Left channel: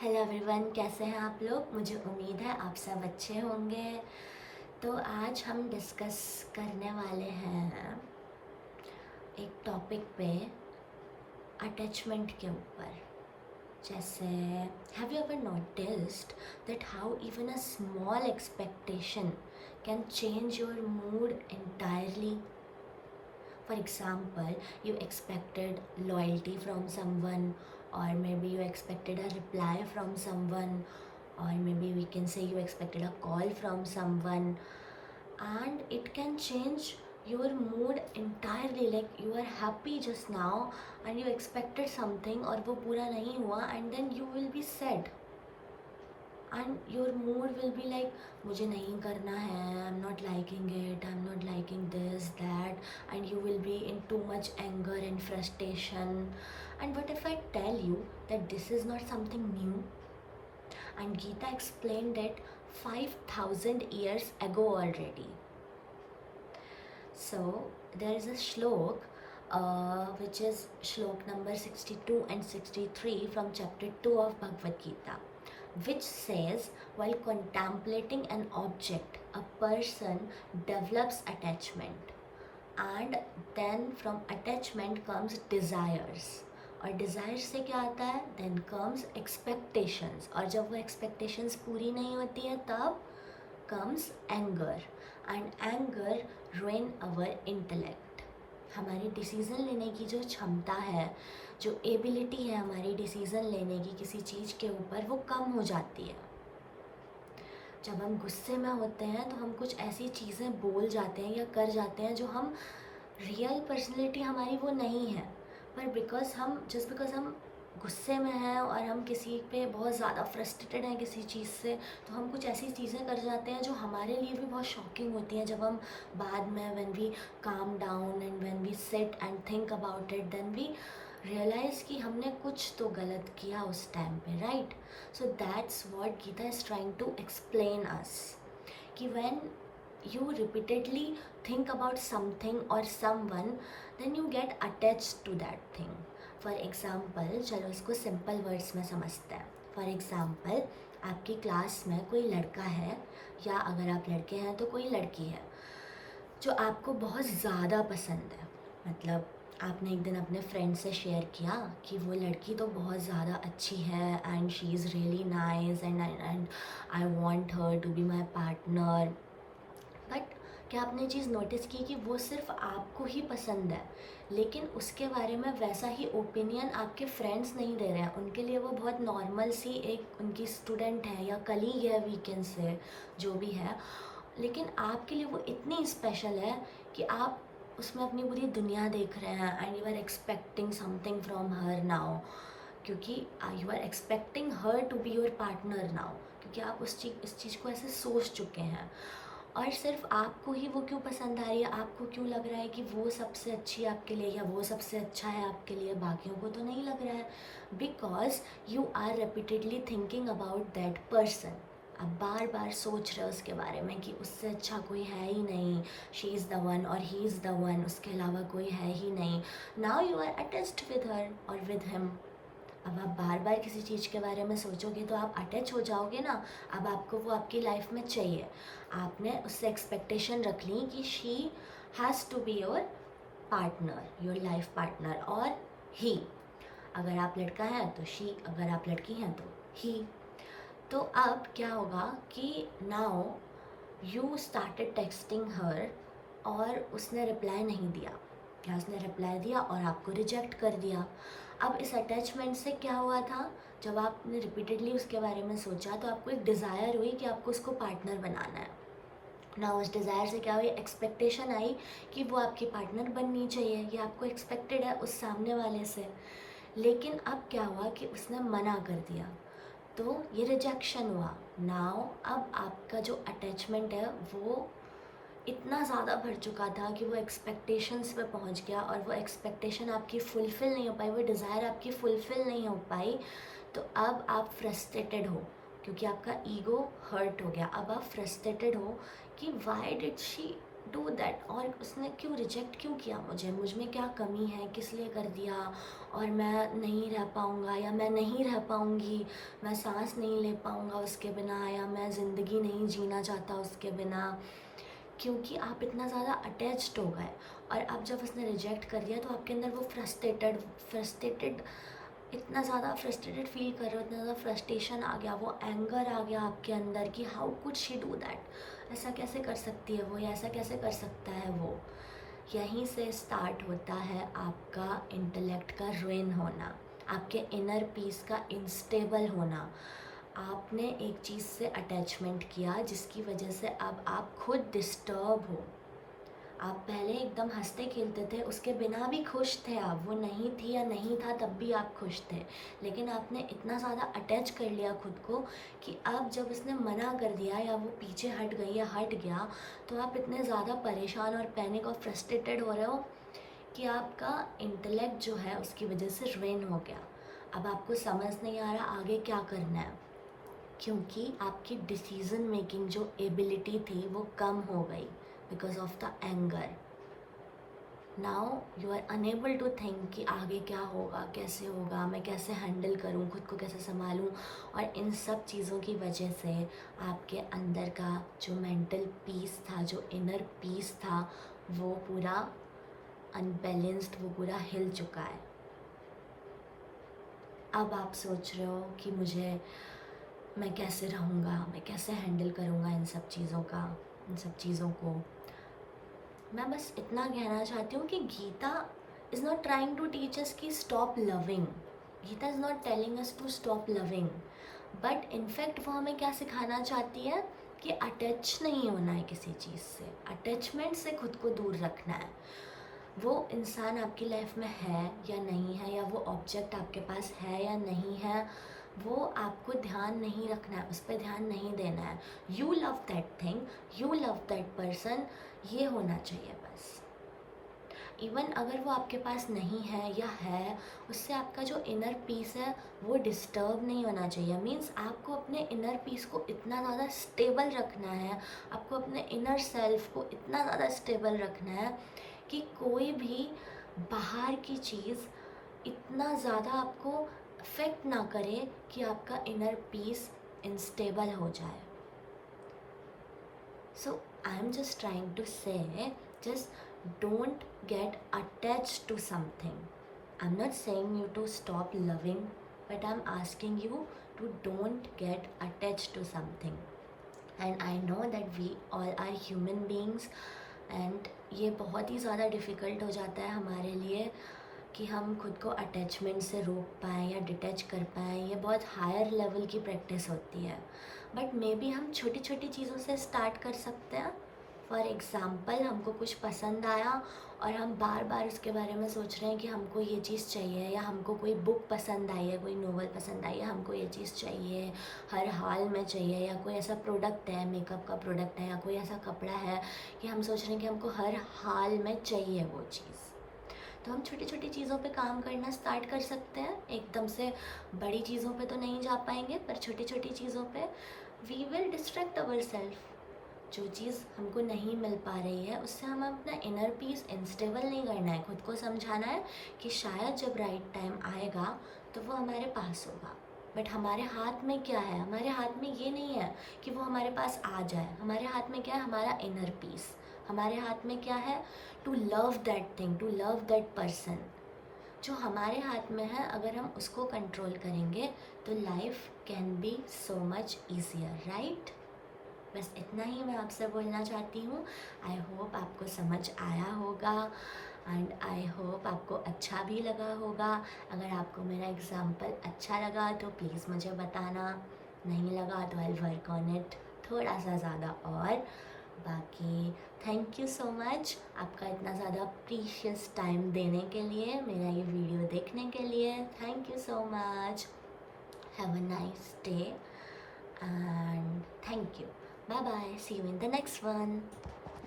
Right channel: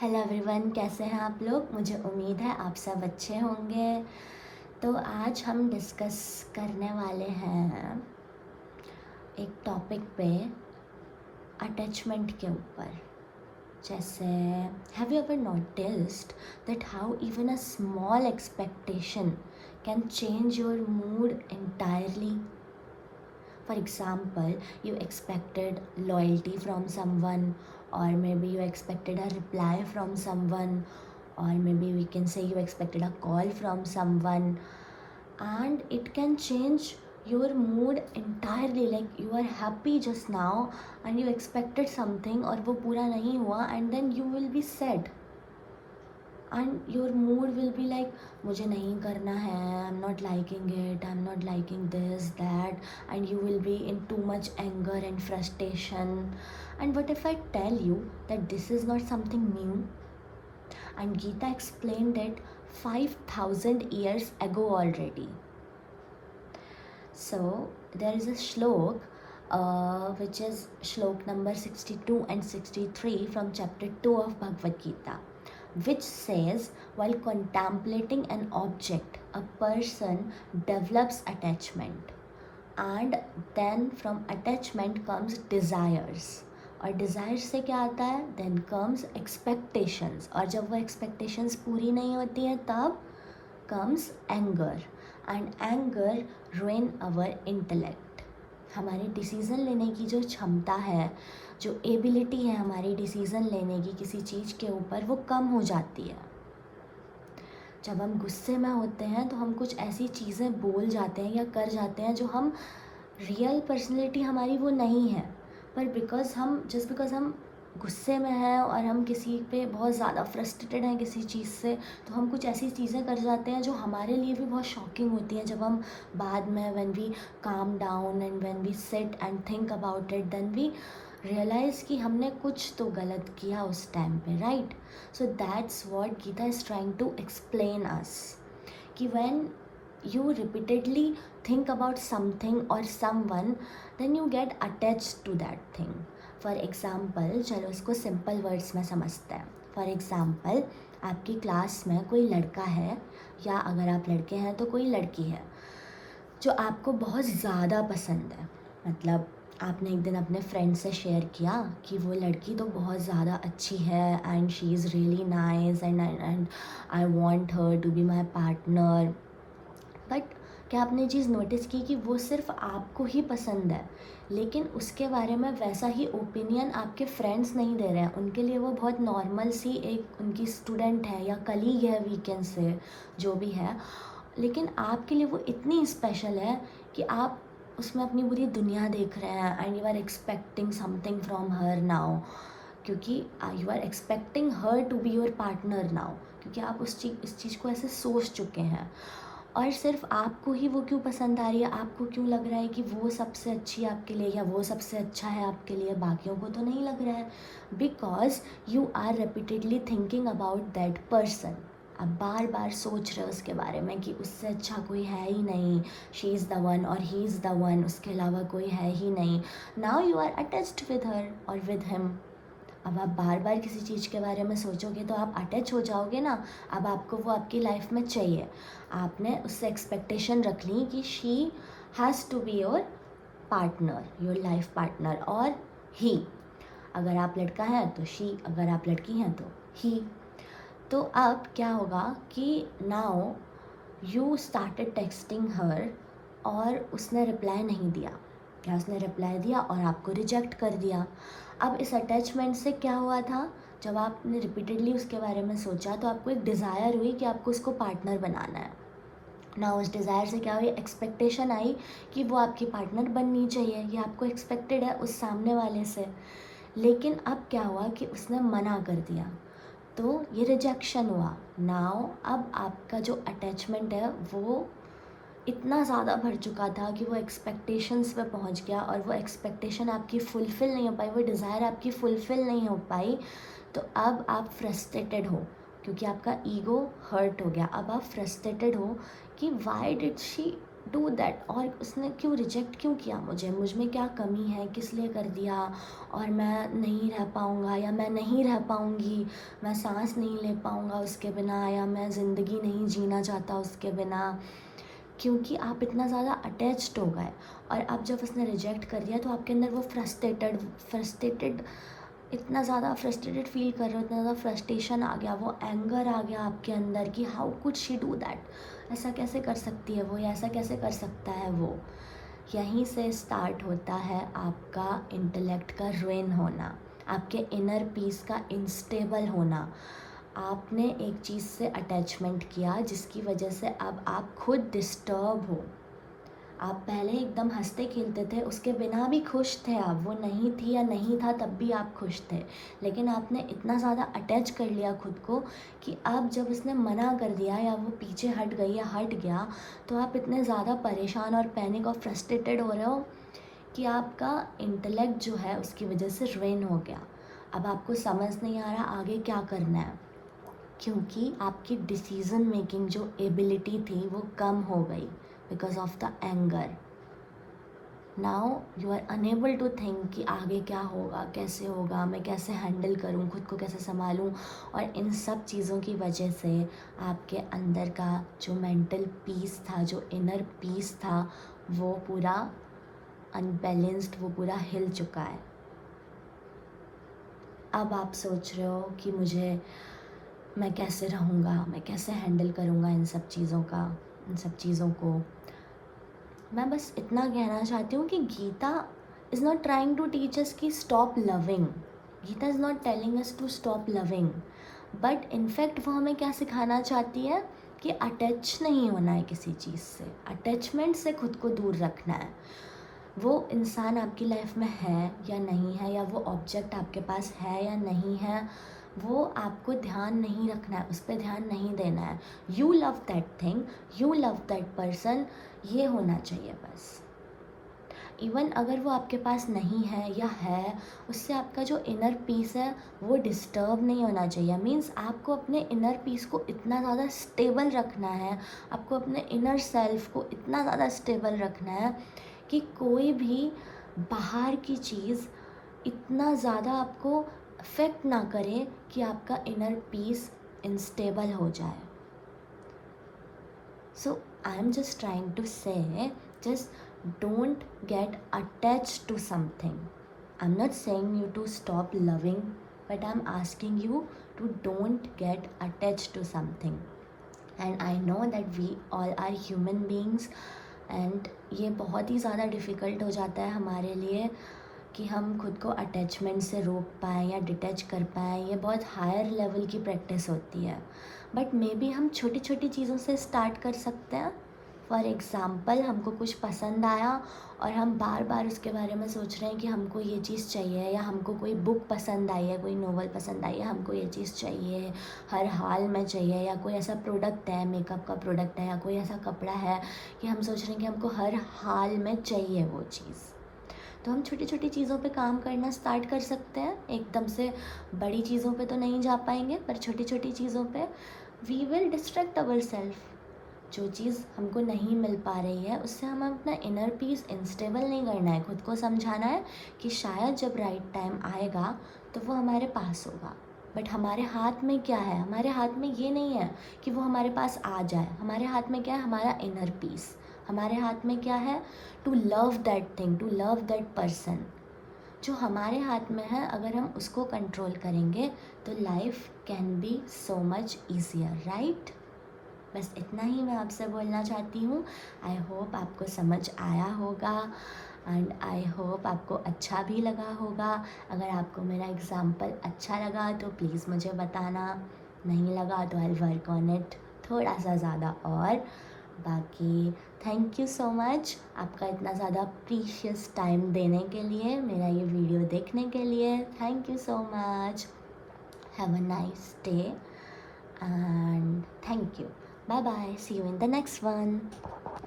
Hello everyone, कैसे हैं आप लोग। मुझे उम्मीद है आप सब अच्छे होंगे। तो आज हम डिस्कस करने वाले हैं एक टॉपिक पे, अटैचमेंट के ऊपर। जैसे, have you ever noticed that how even a small expectation can change your mood entirely? For example, you expected loyalty from someone, or maybe you expected a reply from someone, or maybe we can say you expected a call from someone, and it can change your mood entirely. Like, you are happy just now and you expected something और वो पूरा नहीं हुआ, and then you will be sad and your mood will be like, मुझे नहीं करना है, I'm not liking it, I'm not liking this, that, and you will be in too much anger and frustration. And what if I tell you that this is not something new, and Gita explained it 5,000 years ago already. So there is a shlok which is shlok number 62 and 63 from chapter 2 of Bhagavad Gita, which says, while contemplating an object, a person develops attachment, and then from attachment comes desires, और desires से क्या आता है, then comes expectations, और जब वो expectations पूरी नहीं होती है तब comes anger, and anger ruin our intellect. हमारी डिसीज़न लेने की जो क्षमता है, जो एबिलिटी है हमारी डिसीज़न लेने की किसी चीज़ के ऊपर, वो कम हो जाती है। जब हम गुस्से में होते हैं तो हम कुछ ऐसी चीज़ें बोल जाते हैं या कर जाते हैं जो हम, रियल पर्सनैलिटी हमारी वो नहीं है, पर बिकॉज़ हम गुस्से में हैं और हम किसी पे बहुत ज़्यादा फ्रस्ट्रेटेड हैं किसी चीज़ से, तो हम कुछ ऐसी चीज़ें कर जाते हैं जो हमारे लिए भी बहुत शॉकिंग होती हैं। जब हम बाद में, when we come down and when we sit and think about it, then we realise कि हमने कुछ तो गलत किया उस टाइम पे, right. So that's what Gita is trying to explain us, कि when you repeatedly think about something or someone, then you get attached to that thing. For example, चलो इसको simple words में समझते हैं. For example, आपकी class में कोई लड़का है, या अगर आप लड़के हैं तो कोई लड़की है जो आपको बहुत ज़्यादा पसंद है। मतलब आपने एक दिन अपने फ्रेंड से शेयर किया कि वो लड़की तो बहुत ज़्यादा अच्छी है, and she is really nice, and I want her to be my partner. But क्या आपने ये चीज़ नोटिस की कि वो सिर्फ आपको ही पसंद है, लेकिन उसके बारे में वैसा ही ओपिनियन आपके फ्रेंड्स नहीं दे रहे हैं। उनके लिए वो बहुत नॉर्मल सी एक उनकी स्टूडेंट है या कलीग है, वीकेंड से जो भी है, लेकिन आपके लिए वो इतनी स्पेशल है कि आप उसमें अपनी पूरी दुनिया देख रहे हैं, and you are expecting something from her now, क्योंकि you are expecting her to be your partner now, क्योंकि आप इस चीज़ को ऐसे सोच चुके हैं। और सिर्फ आपको ही वो क्यों पसंद आ रही है, आपको क्यों लग रहा है कि वो सबसे अच्छी है आपके लिए, या वो सबसे अच्छा है आपके लिए, बाकियों को तो नहीं लग रहा है, because you are repeatedly thinking about that person. आप बार बार सोच रहे हो उसके बारे में कि उससे अच्छा कोई है ही नहीं, शी इज़ द वन और ही इज़ द वन, उसके अलावा कोई है ही नहीं। Now you are attached with her और विद हिम। अब आप बार बार किसी चीज़ के बारे में सोचोगे तो आप अटैच हो जाओगे ना। अब आपको वो आपकी लाइफ में चाहिए, आपने उससे एक्सपेक्टेशन रख ली कि she has to be your partner, your life partner, और ही। अगर आप लड़का हैं तो शी, अगर आप लड़की हैं तो ही। तो अब क्या होगा कि नाउ यू स्टार्टेड टेक्सटिंग हर, और उसने रिप्लाई नहीं दिया, या उसने रिप्लाई दिया और आपको रिजेक्ट कर दिया। अब इस अटैचमेंट से क्या हुआ था, जब आपने रिपीटेडली उसके बारे में सोचा तो आपको एक डिज़ायर हुई कि आपको उसको पार्टनर बनाना है ना। उस डिज़ायर से क्या हुई, एक्सपेक्टेशन आई कि वो आपकी पार्टनर बननी चाहिए, ये आपको एक्सपेक्टेड है उस सामने वाले से। लेकिन अब क्या हुआ कि उसने मना कर दिया, तो ये रिजेक्शन हुआ। नाउ अब आपका जो अटैचमेंट है वो इतना ज़्यादा भर चुका था कि वो एक्सपेक्टेशंस पे पहुंच गया, और वो एक्सपेक्टेशन आपकी फुलफ़िल नहीं हो पाई, वो डिज़ायर आपकी फुलफ़िल नहीं हो पाई। तो अब आप फ्रस्ट्रेटेड हो, क्योंकि आपका ईगो हर्ट हो गया। अब आप फ्रस्ट्रेटेड हो कि why did she do that, और उसने क्यों रिजेक्ट क्यों किया मुझे, मुझ में क्या कमी है, किस लिए कर दिया, और मैं नहीं रह पाऊँगा या मैं नहीं रह पाऊँगी, मैं सांस नहीं ले पाऊँगा उसके बिना, या मैं ज़िंदगी नहीं जीना चाहता उसके बिना, क्योंकि आप इतना ज़्यादा अटैच्ड हो गए। और अब जब उसने रिजेक्ट कर दिया तो आपके अंदर वो फ्रस्ट्रेटेड इतना ज़्यादा फ्रस्ट्रेटेड फील कर रहे हो, इतना ज़्यादा फ्रस्ट्रेशन आ गया, वो एंगर आ गया आपके अंदर कि how could she do that, ऐसा कैसे कर सकती है वो, या ऐसा कैसे कर सकता है वो। यहीं से स्टार्ट होता है आपका इंटेलेक्ट का रुइन होना, आपके इनर पीस का इंस्टेबल होना। आपने एक चीज़ से अटैचमेंट किया जिसकी वजह से अब आप खुद डिस्टर्ब हो। आप पहले एकदम हंसते खेलते थे, उसके बिना भी खुश थे आप, वो नहीं थी या नहीं था तब भी आप खुश थे, लेकिन आपने इतना ज़्यादा अटैच कर लिया खुद को कि अब जब उसने मना कर दिया या वो पीछे हट गई या हट गया, तो आप इतने ज़्यादा परेशान और पैनिक और फ्रस्ट्रेटेड हो रहे हो कि आपका इंटेलेक्ट जो है उसकी वजह से रुइन हो गया। अब आपको समझ नहीं आ रहा आगे क्या करना है, क्योंकि आपकी डिसीज़न मेकिंग जो एबिलिटी थी वो कम हो गई because of the anger. Now you are unable to think कि आगे क्या होगा, कैसे होगा, मैं कैसे हैंडल करूं, खुद को कैसे संभालूं, और इन सब चीज़ों की वजह से आपके अंदर का जो मेंटल पीस था, जो इनर पीस था, वो पूरा अनबैलेंस्ड, वो पूरा हिल चुका है। अब आप सोच रहे हो कि मैं कैसे रहूँगा, मैं कैसे हैंडल करूँगा इन सब चीज़ों को। मैं बस इतना कहना चाहती हूँ कि Geeta is not trying to teach us कि stop loving, Geeta is not telling us to stop loving, but in fact वो हमें क्या सिखाना चाहती है कि अटैच नहीं होना है किसी चीज़ से, अटैचमेंट से खुद को दूर रखना है। वो इंसान आपकी लाइफ में है या नहीं है, या वो ऑब्जेक्ट आपके पास है या नहीं है, वो आपको ध्यान नहीं रखना है, उस पर ध्यान नहीं देना है। You love that thing, you love that person, ये होना चाहिए बस। इवन अगर वो आपके पास नहीं है या है, उससे आपका जो इनर पीस है वो डिस्टर्ब नहीं होना चाहिए। मीन्स आपको अपने इनर पीस को इतना ज़्यादा स्टेबल रखना है, आपको अपने इनर सेल्फ को इतना ज़्यादा स्टेबल रखना है कि कोई भी बाहर की चीज़ इतना ज़्यादा आपको अफेक्ट ना करे कि आपका इनर पीस इनस्टेबल हो जाए। So I am just trying to say, just don't get attached to something. I'm not saying you to stop loving, but I'm asking you to don't get attached to something. And I know that we all are human beings, and ये बहुत ही ज़्यादा difficult हो जाता है हमारे लिए कि हम खुद को अटैचमेंट से रोक पाएँ या डिटैच कर पाएँ। ये बहुत हायर लेवल की प्रैक्टिस होती है, बट मे बी हम छोटी छोटी चीज़ों से स्टार्ट कर सकते हैं। फॉर एग्ज़ाम्पल, हमको कुछ पसंद आया और हम बार बार उसके बारे में सोच रहे हैं कि हमको ये चीज़ चाहिए, या हमको कोई बुक पसंद आई है, कोई नोवेल पसंद आई है, हमको ये चीज़ चाहिए, हर हाल में चाहिए, या कोई ऐसा प्रोडक्ट है, मेकअप का प्रोडक्ट है, या कोई ऐसा कपड़ा है कि हम सोच रहे हैं कि हमको हर हाल में चाहिए वो चीज़। तो हम छोटी छोटी चीज़ों पे काम करना स्टार्ट कर सकते हैं। एकदम से बड़ी चीज़ों पे तो नहीं जा पाएंगे, पर छोटी छोटी चीज़ों पे we will distract our self. जो चीज़ हमको नहीं मिल पा रही है उससे हमें अपना इनर पीस इंस्टेबल नहीं करना है, खुद को समझाना है कि शायद जब राइट टाइम आएगा तो वो हमारे पास होगा। बट हमारे हाथ में क्या है? हमारे हाथ में ये नहीं है कि वो हमारे पास आ जाए। हमारे हाथ में क्या है? हमारा इनर पीस। हमारे हाथ में क्या है? To love that thing, to love that person. जो हमारे हाथ में है, अगर हम उसको कंट्रोल करेंगे तो life can be so much easier, right? बस इतना ही मैं आपसे बोलना चाहती हूँ। आई होप आपको समझ आया होगा, एंड आई होप आपको अच्छा भी लगा होगा। अगर आपको मेरा एग्ज़ाम्पल अच्छा लगा तो प्लीज़ मुझे बताना, नहीं लगा तो आई वर्क ऑन इट थोड़ा सा ज़्यादा। और बाकी थैंक यू सो मच आपका इतना ज़्यादा प्रीशियस टाइम देने के लिए, मेरा ये वीडियो देखने के लिए। Thank you so much. Have a nice day and thank you. Bye bye. See you in the next one.